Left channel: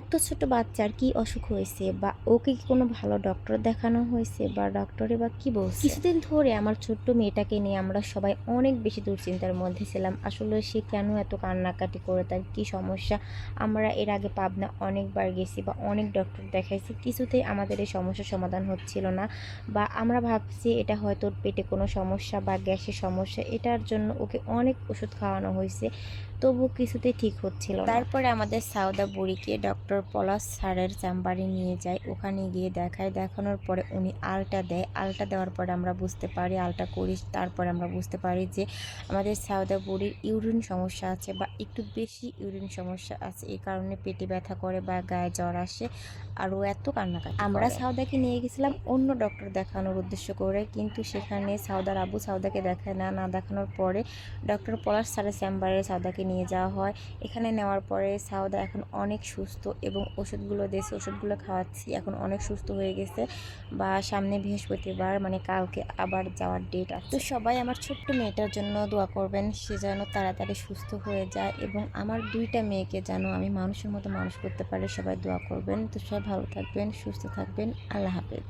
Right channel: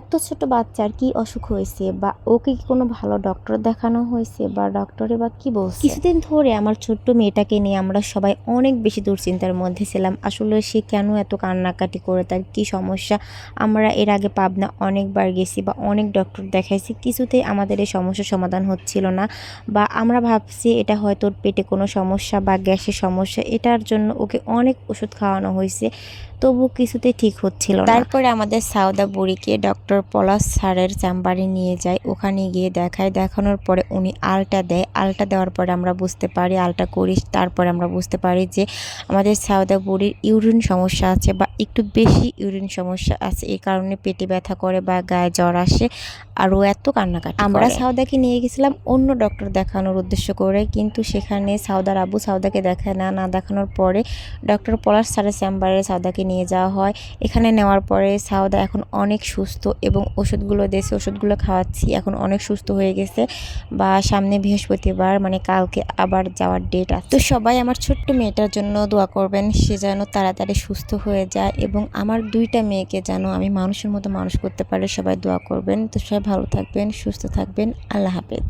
এত ছোট বাচ্চার কি অসুখ হয়েছে বা ওকে কি কোনো ভালো ডক্টর দেখানো হয়েছে বা ডক্টরে বা কি বলছে? কিছুদিন ধরে আমার ছোট্ট মেয়েটাকে নিয়ে আমরা সবাই অনেক বেশি দুশ্চিন্তার মধ্যে ছিলাম। আসলে সে কেন এত কান্নাকাটি করে, তার কি সমস্যা? আমরা এর আগে পাবনা অনেকবার গেছি বা অনেক ডক্টর দেখাইছি, কিছুতেই আমাদের এই সমস্যার সমাধান হচ্ছিল না। বা আমরা ভাবছি এটা হয়তো ওর পেটে কোনো সমস্যা বা গ্যাসের সমস্যা, এটার জন্য ওকে অনেক ওষুধ খাওয়ানো হয়েছে, তবু কিছুতেই ঠিক হচ্ছিল না। তারপরে আমাদের সাউদা বুড়িকে ডক্টর পলাশ স্যারের চেম্বারে নিয়ে যায়। ওখানে গিয়ে দেখায়, দেখানোর পরে উনি আলটা দেয়। আলটা দেওয়ার পরে আমরা বুঝতে পারি, আলটা করি, তারপরে আমরা বুঝতে পারি যে আমাদের সাউদা বুড়ির ইউরিন সমস্যা আছে বা একটু বেশি ইউরিন সমস্যা আছে। এই কারণে পেটে ব্যথা করে বা গায়ে জ্বর আসে, আর ও এত কান্নাকাটি করে। আমরা সাউদাকে নিয়ে গেছিলাম অন্য ডক্টর দেখানোর উদ্দেশ্য করে, কিন্তু সেখানে সাউদার আব্বু সাউদাকে দেখায় না। না দেখানোর পরে ডক্টর পলাশ স্যারের চেম্বারে সাউদাকে নিয়ে যাওয়া হয়। এখানে নেওয়ার পরে সাউদা এখন অনেক সুস্থ এবং ওষুধগুলো দিয়েছে, ওষুধগুলো খাওয়াচ্ছি, এখন অনেক সুস্থ হয়ে গেছে। বা সামনে বৃহস্পতিবার মানে কালকে আবার যাওয়ার ডেট আছে। তো সবাই আমার ছোট্ট মেয়েটার জন্য দোয়া করবেন, সে যেন তাড়াতাড়ি সুস্থ হয়ে যায় এবং আমার দুইটা মেয়েকে যেন আমি মানুষের মতো মানুষ করতে পারি। সবাই দোয়া করবেন। তো সবাই ভালো থাকবেন, সুস্থ থাকবেন। আল্লাহ হাফেজ।